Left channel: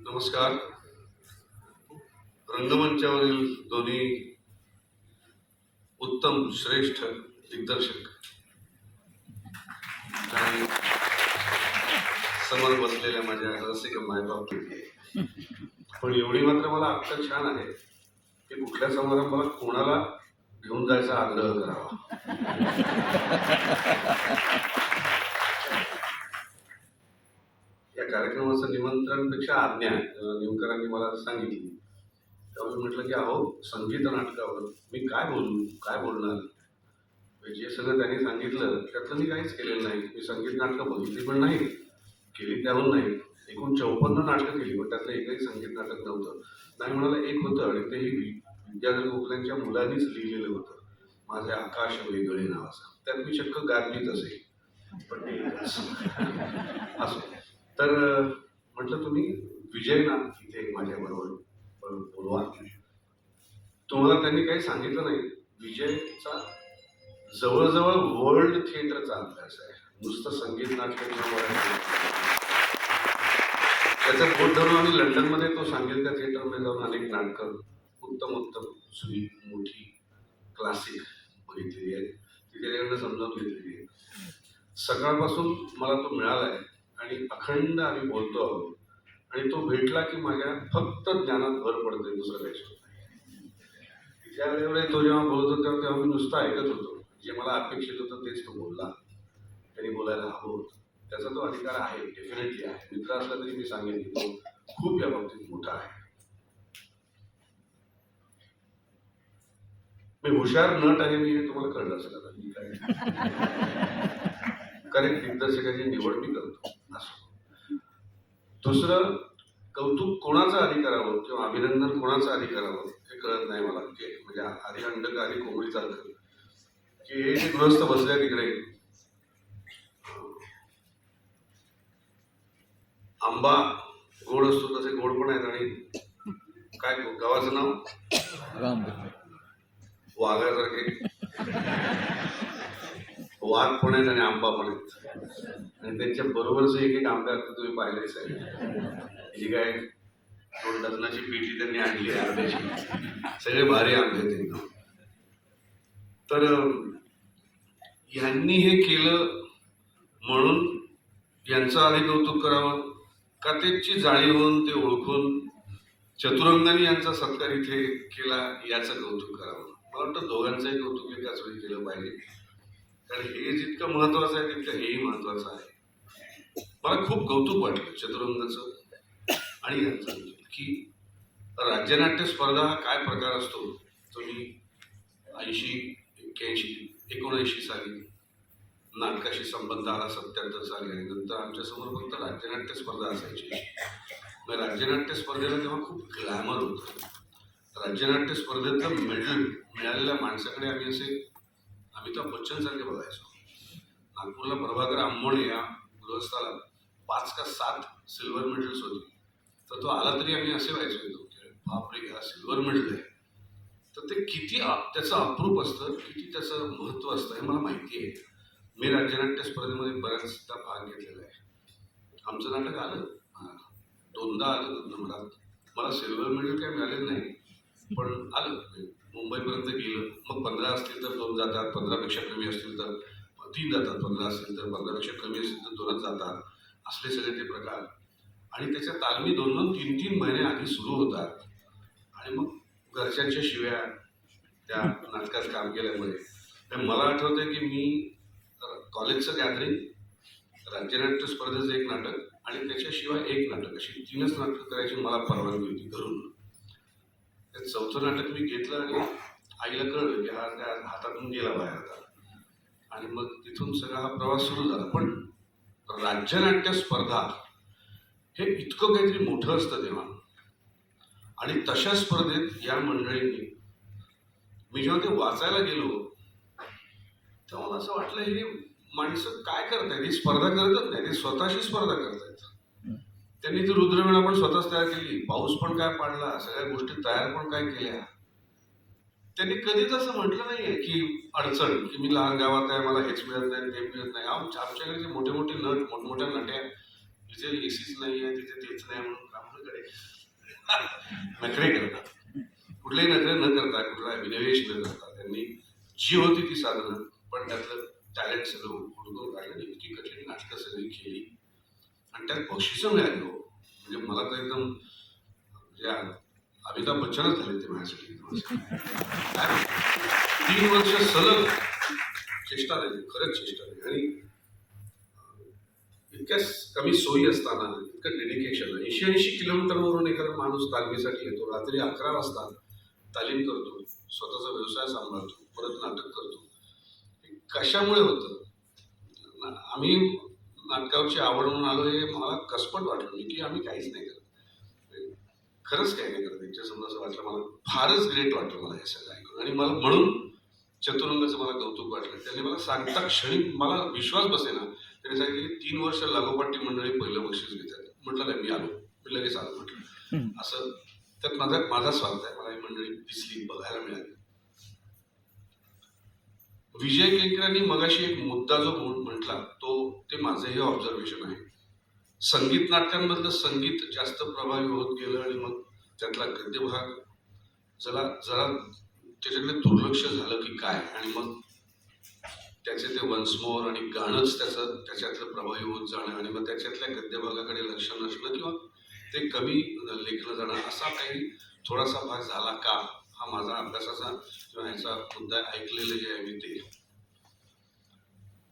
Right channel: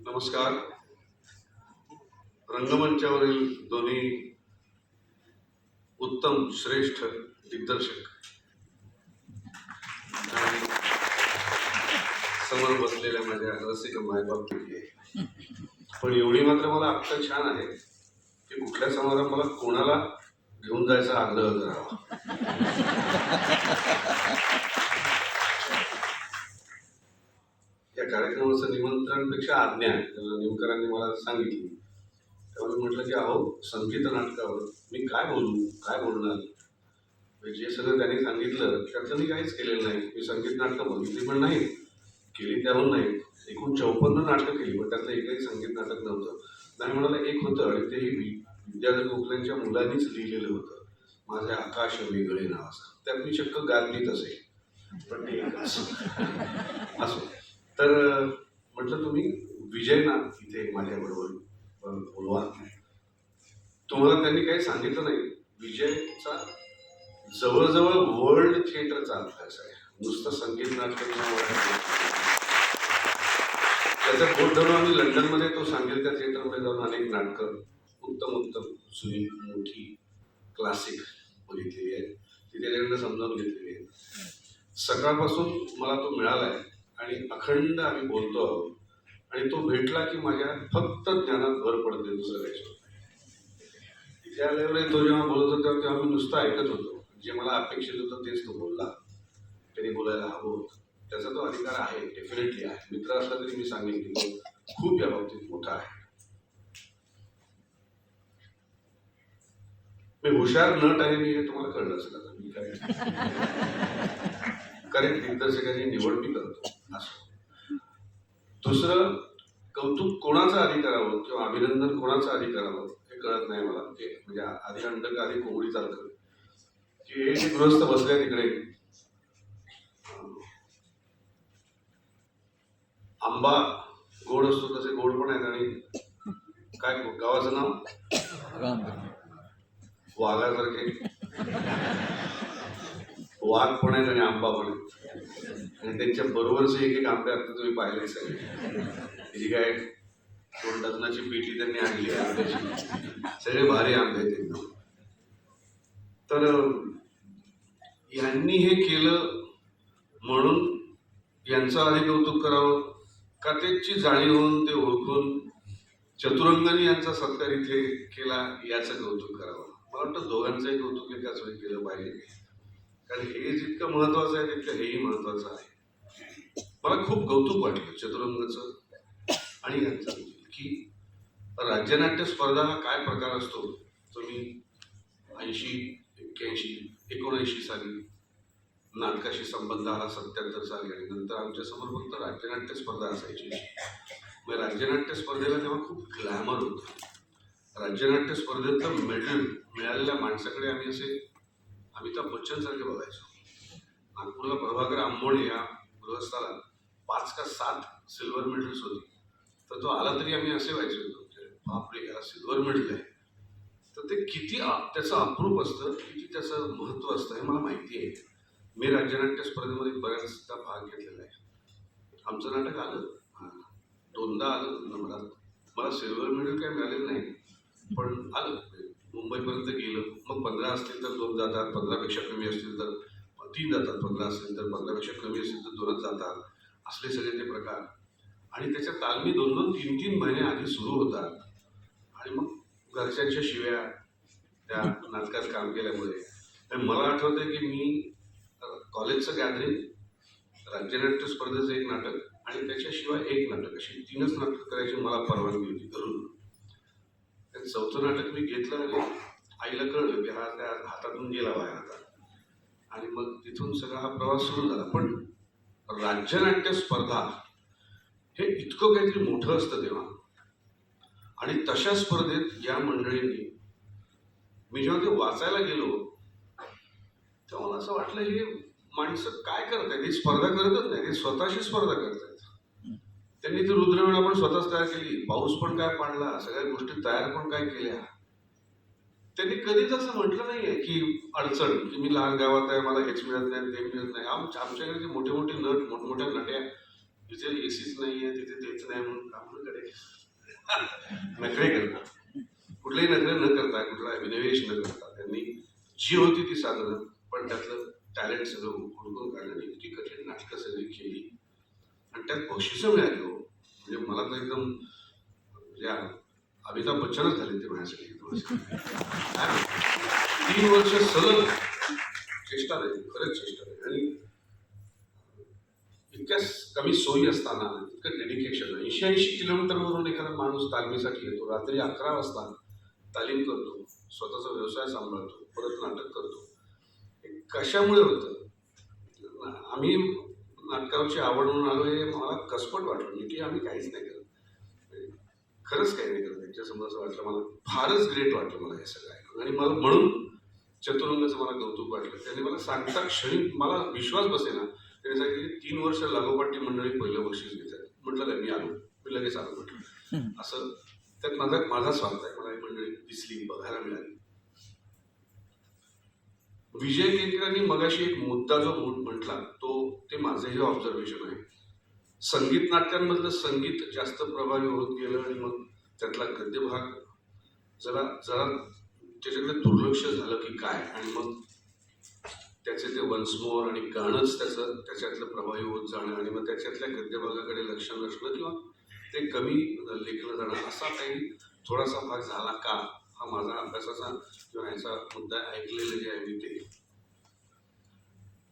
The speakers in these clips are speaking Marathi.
नमस्कार. रंगमंचावरील दोन्ही उत्तम श्रेष्ठ दिग्दर्शक आणि समोर बसलेल्या माझ्या रसिक मायबाप पण एवढी मात्र मला आत्ता छान आहे की कुठल्या समारंभाला कोणाला घेऊन जायचा आग्रह करावा या कार्यक्रमाचं निमंत्रणपेक्षा आज्ञा अं, नेमकरांनी मला सांगितली. त्यामुळे म्हटलं की अहो संगीत नाटकावर मी काय बोलू? काय बोलणार? जे सगळं त्यांनी सांगितलं त्यातलं मी काहीच केलेलं नाही. मी संगीत नाटकं बघितली पण नाही केली त्याहून नाही एकूण चौपन्न नाटकं केली पण त्यातलं एकही संगीत नाटक नव्हतं. नाही म्हणाला एक होतं आणि तेही विद्याधर गोखल्यांच्या मुलांनीच लिहिलेलं होतं. माझे आकाश वेगळे नाव असं त्यात मी चक्क गात असेल पण ते असं. असो. तर म्हटलं तुम्ही विजय ना इथे माझ्याबरोबर बोलवा. तुम्हाला त्यांनी काही सांगितलं नाही. विजयचा जवळजवळ वर्ल्ड थिएटरचा अभ्यास आहे नुसतं संगीत नाटक त्याच्या लंडनमध्ये तो सांगेल त्या थिएटरमध्ये जाऊन अनेक नाटकं उत्तम उत्तम जुनी मोठी क्लासिक बघितलेली आहेत. ती त्याच्याकडनं समजावून घेतलेली आहे सकाळपासून मला तो मिळाला आहे आणि अखंड आम्ही बोलतो आहोत. आणि तो भेटला की माझ्या फक्त ज्ञानात भर पडते दुसरं काहीच त्या वेळेवर तो जेव्हा बोलत होता तेव्हा मी नुसतं ऐकत होतो. जे मला अपेक्षित होतं तेच तो बोलला. त्यांनी बोलायला हवं होतं. त्याचा तो अधिकार आहे डेफिनेटली आहे. मित्र असला तरी मी सांगेन की तो खूप या बाबतीत मोठा आहे. मी हुशार नट आहे मी हे तुम्हाला कळलं असेल मी काय करेक्ट दिग्दर्शकाची निवड मी करतो. असं. दुसरं कौतुक कोणाचं आधी करावं किंवा अभिनंदन कोणाचं आधी करावं हे कळत नाही मला. की म्हणजे आधी अंड का आधी कोंबडी चालतं की हे जे गृहस्थ बसले तिकडे. आंबा गोड असतो तसे गोड पण आहेत आणि काय गावाचं नाव? वाघासारखे. वाघ पण आहेत आणि आंबा पण आहेत आणि त्यांच्या बरोबरचे एक एक आंबे आता तुम्ही पाहिले सगळे. जी काय दोन लग्नाची पेटी त्यांनी आणली आंब्याची. सगळे भारी आंबे आहेत एकदम. तर यांनी हे केलं म्हणून यांचं आधी कौतुक करावं का त्याची जाणीव होऊन ते ओळखून चतुरंगाने यांचा सत्कार इथे केला याचं कौतुक करावं. मला वाटतं दोघांचंही कौतुक एकाच वेळी केलं पाहिजे. कारण हे जितकं महत्वाचं आहे तितकं हेही महत्वाचं आहे. मला खूप कौतुक वाटलं चतुरंगाचं आणि यांचं. की राज्यनाट्य स्पर्धा हा काय प्रकार असतो तो मी ऐंशी एक्क्याऐंशी एकोणऐंशी साली नाटकाशी संबंध आला सत्याहत्तर साली आणि नंतर आमच्यासमोर फक्त राज्यनाट्य स्पर्धा असायची. मग राज्यनाट्य स्पर्धेला तेव्हा खूप ग्लॅमर होतं. राज्यनाट्य स्पर्धेतलं मेडल मिळालेल्या माणसाकडे आम्ही असे अमिताभ बच्चनसारखे बघायचो. नागपूरला प्रभाकर आंबोळे या गृहस्थाला पाच का सात सिल्वर मेडल्स होती. तर तो आला तरी आम्ही असे व्हायचो एकदम बापरे याला सिल्वर मेडल आहे. तर ते किती त्याचं अप्रूप असतं किती त्याचं महत्त्व असतं हे मला माहिती आहे. मी राज्यनाट्य स्पर्धेमध्ये बऱ्याचदा भाग घेतलेला आहे. आमचं नाटक आलं. दोनदा आलं नंबरात मला सिल्वर मेडल काही मिळालेलं नाही पण आलं. मुंबईपर्यंत गेलं मग पंधरा असतील तर दोन जातात पंधरापेक्षा कमी असतील तर तीन जातात पंधरा असतील तर पंधरापेक्षा कमी असतील तर दोनच जातात. असले सगळे ते प्रकार. आणि त्याच्या तालमी दोन दोन तीन तीन महिने आधी सुरू होतात. आणि मग घरच्यांच्या शिव्या त्या नाटकात काम केल्यामुळे. मला आठवतंय की मी कॉलेजचं गॅदरिंग राज्यनाट्य स्पर्धेचं एक नाटक आणि त्याच्याशिवाय एक नाटक. अशी तीनच नाटकं करायची मला परवानगी होती घरून. चौथं नाटक मी घेतलं आणि आईला कळलं की हा त्या हातातून गेला बाहेर आता. आणि मग तिथून सगळा हा प्रवास सुरू झाला. पण राज्यनाट्य स्पर्धा हे इतकं काहीतरी मोठं असतं तेव्हा. आणि तशा स्पर्धेत या मंडळींनी मी जेव्हा ते वाचायला गेलो तेव्हा मला असं वाटलं हे माणसं काय करतायत? ही स्पर्धा करतच नाही ते स्वतःशी स्पर्धा करतायत. त्यांनी ती रुद्रवेळा पण स्वतःच तयार केली. पाऊस पण काय पाडला सगळ्या गोष्टी तयार पण काय केल्या. त्यांनी कधीच असं म्हटलं नाहीये की अडचण की मी लहान गावात आहे मला हेच मिळत नाही ते मिळत नाही. आमच्या आमच्याकडे जे मोठे मोठे नट मोठमोठ्या नट्या इथे एसीच नाही आहे तिथे तेच नाही म्हणून काम करे नखरे करतात. कुठलेही नखरे न करता कुठला विनिवेश न करता त्यांनी जी होती ती साधनं पण त्यातलं टॅलेंट सगळं हुडकून काढलं. इतकी कठीण नाटकं सगळी केली. आणि त्यात बक्षिसं मिळाली हो. म्हणजे मला तर एकदम म्हणजे अमिताभ बच्चनच झाले ते माझ्यासाठी. तीन वर्ष सलग चेष्टा नाही खरंच चेष्टा नाही आणि इतक्या कमी सोयी असताना इतकं डेडिकेशन ऐंशी ऐंशी किलोमीटरवरून एखादा माणूस तालमीसाठी येतो. रात्री अकरा वाजता तालीम करतो स्वतःचा व्यवसाय सांभाळतो परत नाटक करतो. हे कशामुळे होतं? ना- आम्ही नाटकाची आवड म्हणून आलो हे मला कसपट वाटलं. की आम्ही काहीच नाही करत. खरंच काही नाही करत. त्यांच्या समजा असं वाटलं मला फारच ग्रेट वाटलं मला हे सगळं ऐकून. आणि मला म्हणून चतुरंगाचं मला कौतुक वाटलं. त्यांनी मला सांगता क्षणी मला विश्वास बसेना. त्यांनी सांगितलं की तीन वर्ष लागोपाठ मंडळी पहिलं बक्षीस घेतात. म्हटलं नाही मी आलो. मी लगेच आलो म्हटलं. असं त्यात माझा माझा स्वार्थ आहे. मला ही मंडळी दिसली बघायला मिळाली. विजय केंकरांनी मगाशी एक मुद्दा जो म्हटला तो ते माझंही ऑब्झर्वेशन आहे. संगीत नाटकांमधलं संगीत जास्त प्रभावी होत गेलं आणि मग त्यातला गद्यभाग जरा जरा त्याच्याकडे दुर्लक्ष झालं की काय? आणि मग त्याचे ते वन्स आणि गाणंच त्याचं त्याच्यातलं प्रभावी होत जाणं आणि मग त्याच्यातल्या गद्यभागाकडे लक्ष नसणं किंवा ते कमी लेखलं जाणं असा काही थोडासा भाग झाला का? हा माझा अभ्यासाचा किंवा ह्याचा मुद्दा ऐकलेलं जे आहे मी ते.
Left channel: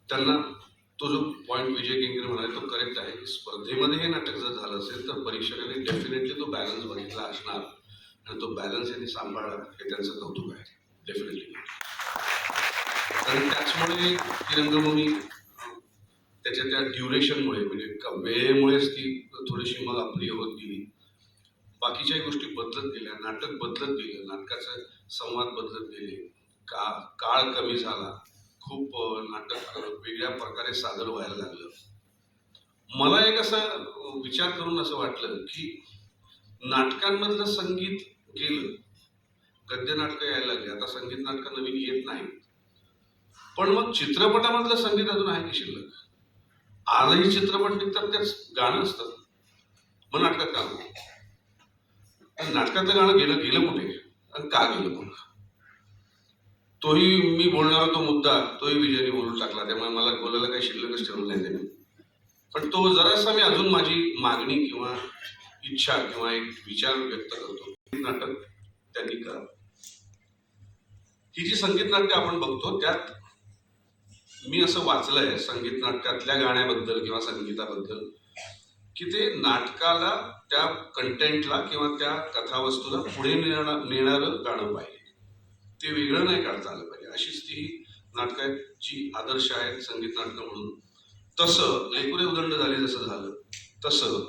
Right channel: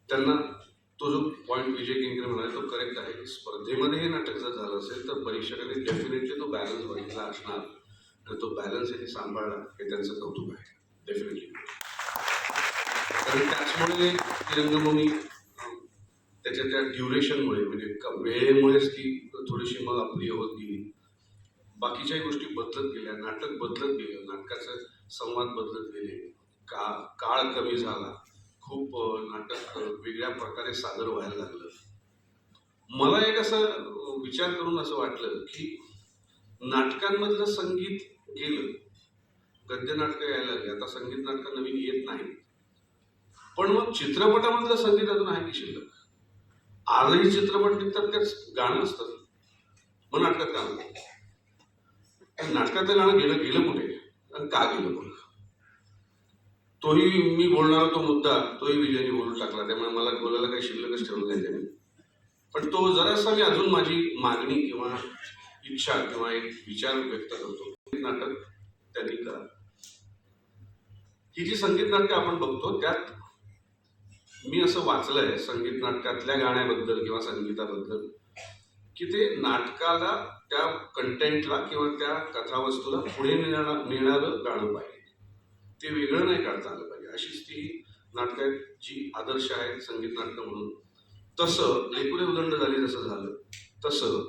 त्यांना तो जो पॉईंट विजय किंगरे म्हणाले तो करेक्ट आहे. स्पर्धेमध्ये हे नाटक जर झालं असेल तर परीक्षकांनी डेफिनेटली तो बॅलन्स बघितला असणार. आणि तो बॅलन्स यांनी सांभाळला हे त्यांचं कौतुक आहे. डेफिनेटली आणि त्याचमुळे ती रंगभूमी त्याच्या त्या ड्युरेशनमुळे म्हणजे वेळेमुळेच ती थोडीशी मग अप्रिय होत गेली. बाकीच्याही गोष्टी बदलत गेल्या नाटक बदलत गेलं नाटकाचं संवाद बदलत गेले. का काळ कमी झाला. खूप नाटक वेगळ्या प्रकारे सादर व्हायला लागलं. मला एक असं विचार करून असं वाटलं की नाटकांमधलं संगीत गेलं गद्य नाटकं यायला लागली. आता संगीत नाटकं नवीन येत नाही पण मग चित्रपटामधलं संगीत अजून आहे की शिल्लक? आजही चित्रपट निघतात त्याच गाणं असतात. मग नाटकात का नाटकातलं गाणं गेलं गेलं कुठे? आणि का गेलं मग तोही मी बोलणारा तो मुद्दा तोही विजयने बोलून टाकला. त्यामुळे मला बोलायला काही शिल्लकच ठेवलं नाही त्याने. पण तो जरासा मी अजून माझी मागणी किंवा इच्छा किंवा एक विचार व्यक्त करतो. नाटक त्यांनी करा ही जी संगीत नाट्य आपण बघतो त्यात मी असं वाचलंय संगीत नाट्यातल्या गाण्याबद्दल किंवा संगीताबद्दल की ते नाटकाला त्या कंटेंटला किंवा त्या कथावस्तूला पुढे मिळणार नेणारं गाणं पाहिजे. ते वेगळं नाही काढता आलं पाहिजे. अशीच ती नाटकाची आहेत जी आदर्श आहेत संगीत नाटकं म्हणून. तसं लेकुरे उदंड झाले जसं झालं तसं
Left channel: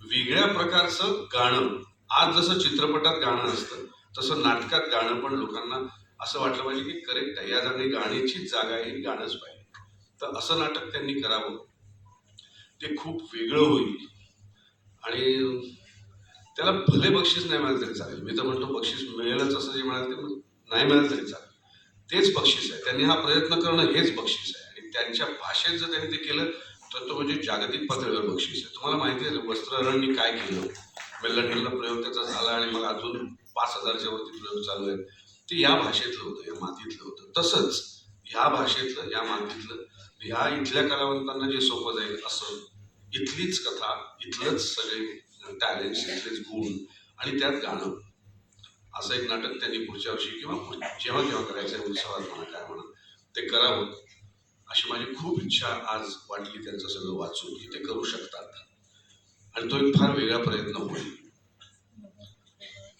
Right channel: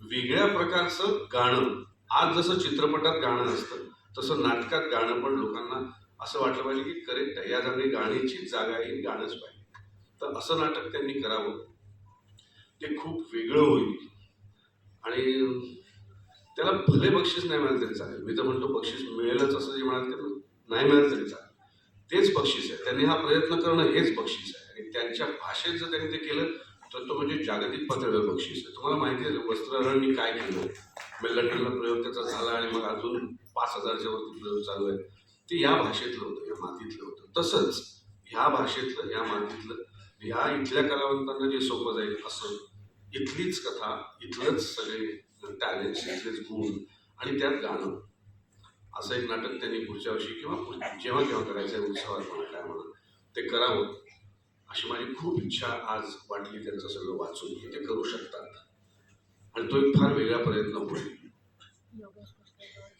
वेगळ्या प्रकारचं गाणं आज जसं चित्रपटात गाणं असतं तसं नाटकात गाणं पण लोकांना असं वाटलं पाहिजे की करेक्ट आहे. या जागी गाण्याचीच जागा आहे गाणंच पाहिजे. तर असं नाटक त्यांनी करावं. ते खूप वेगळं होईल. आणि त्याला भले बक्षीस नाही मिळालं तरी चालेल. मी तर म्हणतो बक्षीस मिळेलच असं जे म्हणाल ते नाही मिळालं तरी चालेल. तेच बक्षीस आहे. त्यांनी हा प्रयत्न करणं हेच बक्षीस आहे. आणि त्यांच्या भाषेत जर त्यांनी ते केलं तर तो म्हणजे जागतिक पातळीवर बक्षीस आहे. तुम्हाला माहिती आहे वस्त्रहरणनी काय केलं? मग लंडनला प्रयोग त्याचा झाला आणि मग अजून पाच हजारच्या वरती प्रयोग चालू आहेत. ते या भाषेतलं होतं या मातीतलं होतं. तसंच ह्या भाषेतलं या मातीतलं ह्या इथल्या कलावंतांना जे सोपं जाईल असं इथलीच कथा इथलंच सगळे टॅलेंट्स इथलेच गुण आणि त्यात गाणं. असं एक नाटक त्यांनी पुढच्या वर्षी किंवा जेव्हा जेव्हा केव्हा करायचं आहे उत्सवात म्हणा काय म्हणा ते करावं. अशी माझी खूप इच्छा आज वाटली त्यांचं सगळं वाचून की ते करू शकतात. आणि तो एक फार वेगळा प्रयत्न होईल.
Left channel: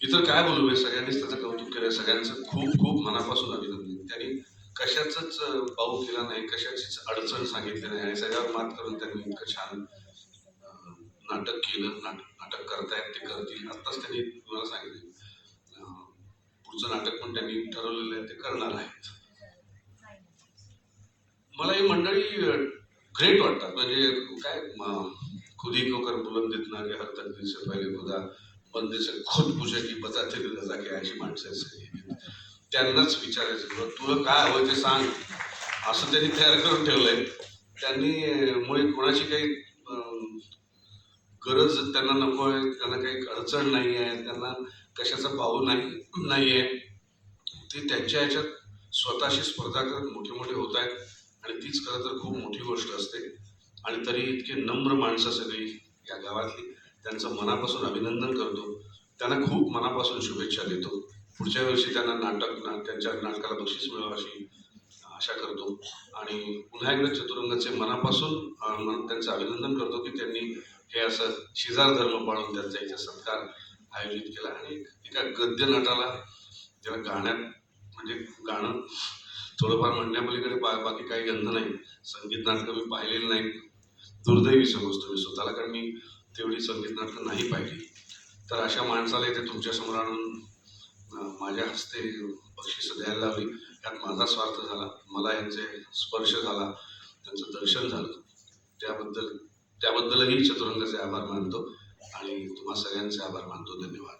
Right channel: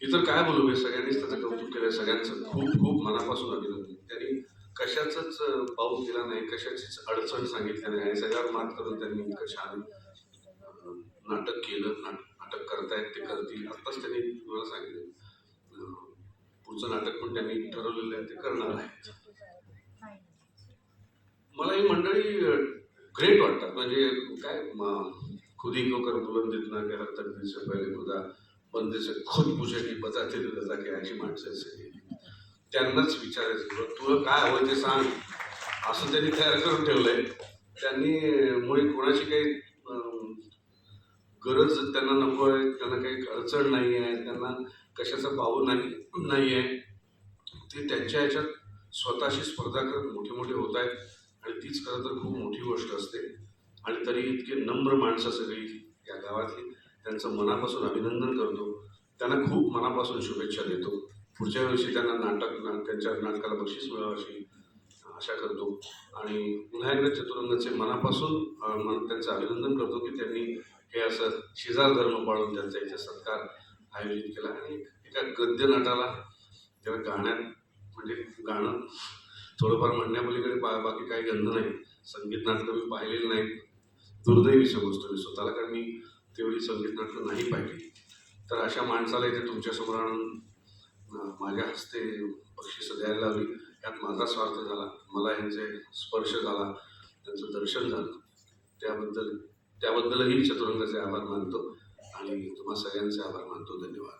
इतर काय बोलू मी? सगळ्यांनीच त्याचं कौतुक केलं सगळ्यांचं खूप खूप मनापासून अभिनंदन. त्यांनी कशाचंच पाऊल केला नाही कशाचीच अडचण सांगितली नाही. आणि सगळ्यावर मात करून त्यांनी इतकं छान नाटक केलं. नाट नाटक करतायत ते करतील. आत्ताच त्यांनी मला सांगितलं. पुढचं नाटक पण त्यांनी ठरवलेलं आहे ते करणार आहेत. मला ही मंडळी ग्रेट वाटतात. म्हणजे काय खुद ही क्यों कर? बुलंद इतना कि हर तकदीर से पहले खुदा बंदे से खुद पूछे की बताते रजा की अशी माणसं सगळी त्यांनाच विचारायचं तुला काय हवं ते हो? सांग। असं त्यांनी तयार करून ठेवलंय त्यांनी मुळे कोणाची काही गरज त्यांना नको आहे त्यांना काही अडचण नाही आहे त्यांना कशाचा भाव नाही नाही आहे ते त्यांच्या ह्याच्यात स्वतःशी स्पर्धा करत मोठे मोठे होत आहेत आणि तीच खरं तर खूप मोठी गोष्ट असते. आणि तरी इतकी नम्र माणसं सगळी या गावातली त्यांचं मनापासून अभिनंदन करतो. त्यांना खूप मनापासून शुभेच्छा देतो. पुढच्या वर्षी त्यांना नाटक ना त्यांच्या नाटकाला बक्षीस मिळावं अशी आशा करतो. आणि पुन्हा एकदा चतुरंगाचे मनापासून मन- त्यांचं अभिनंदन करतो की त्यांनी हे असं शेजार धर्म पाळून त्यांचा इथे सत्कार आयोजित केला. आणि एका गद्य नाटाला ज्याला गाण्यात म्हणजे गाणं थोडंफार म्हणण्यापलीकडे बा बाकी काही गंध नाही. संगीत नाटकं मी पाहिलेली नाहीत. दुर्दैवी समजतो मी. स्वतःला कारण मी तेवढी संगीत नाटकं नाही पाहिली. तर अशा माणसाला इथे तुमच्यासमोर आणून माझ्या हस्ते बक्षिसं द्यायला लावली. यात माझा स्वार्थ झाला. मला यांचे स्पर्श झाला. त्यांचं दर्शन झालं. त्याबद्दल त्याबद्दलही चतुरंगाचे आभार मानतो आणि तुम्हा सगळ्यांचे आभार मानतो. धन्यवाद.